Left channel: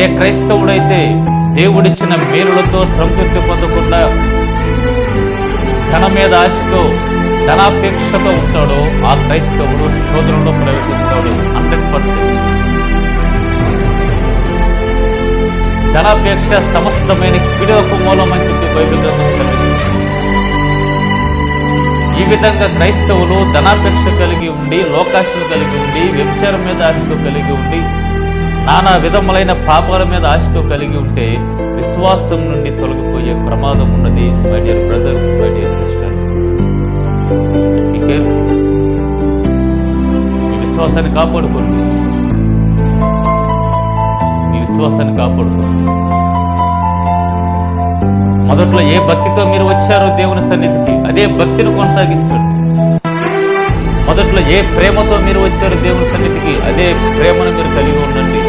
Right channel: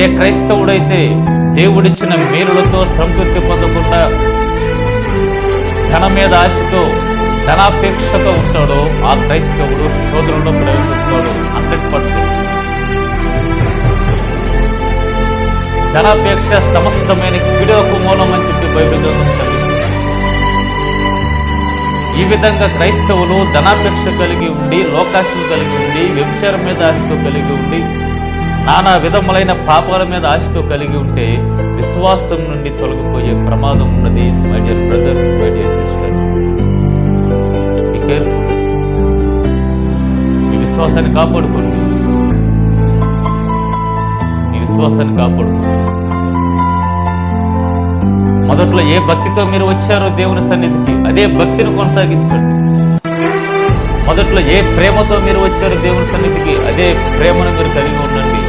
ఏ క్రైస్తవుడైతే దేవుడిచ్చిన మేలులతో సంతృప్తి పొందకుండా ధన మీద ఆశతో ధనాపేక్షతో ఉంటాడో ఆ క్రైస్తవుడు శోధనలో ప్రవేశిస్తాడు 100%. ధనాపేక్ష సమస్తమైన కీడుకు మూలం అని చెప్పి బైబిల్ గ్రంథం చదివిస్తుంది. ఈ విధంగా క్రైస్తవులు ధనాపేక్ష కలిగి ఉండి, లోకాశలు కలిగి ఉండి, వ్యభిచారం మీద ఆశతో కలిగి ఉండి, నానా విధములైన పాపాల మీద ఆశతో కలిగి ఉంటే విశ్వాసం నుండి తొలగిపోయే ప్రమాదం ఉన్నది. My dear brothers, my dear sisters, be careful. మీ విశ్వాసాన్ని కాపాడుకోండి, మీ విశ్వాసాన్ని కాపాడుకోండి. మొదట్లో ఏ భక్తితో మీరు వచ్చారో దేవుని సన్నిధికి అదే భక్తిని కొనసాగించండి. మొదట్లో ఏ ప్రేమతో మీరు వచ్చారో దేవుని సన్నిధికి అదే ప్రేమను మీరు కలిగి ఉండండి.